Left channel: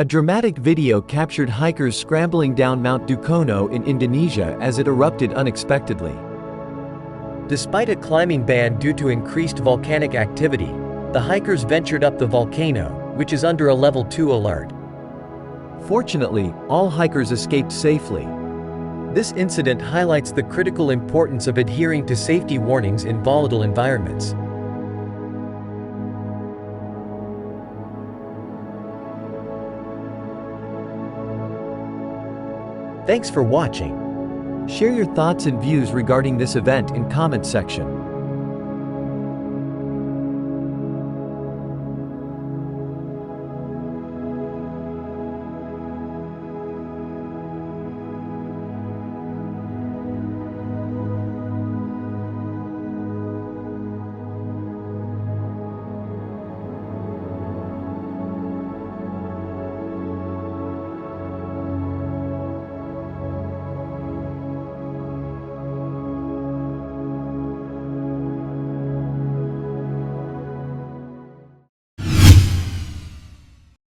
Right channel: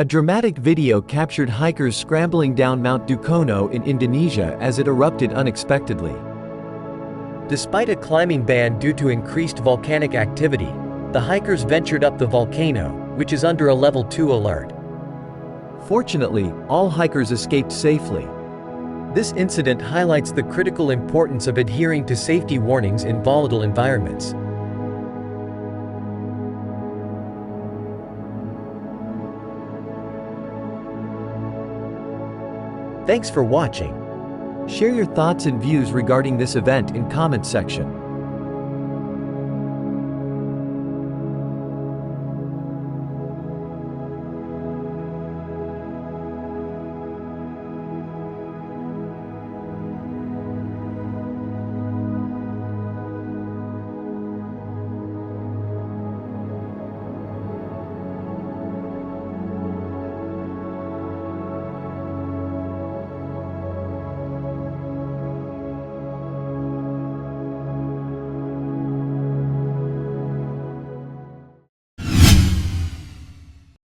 A dramatic video captured hikers scrambling down Mount Dukono in Indonesia as it erupted unexpectedly. Despite a climbing ban due to increased volcanic activity, the hikers ventured up the volcano, which is under a level 2 alert. Fortunately, all hikers escaped safely. This incident highlights the critical importance of adhering to safety warnings in volatile environments. Thanks for watching. Share your thoughts and views regarding this event in comment section.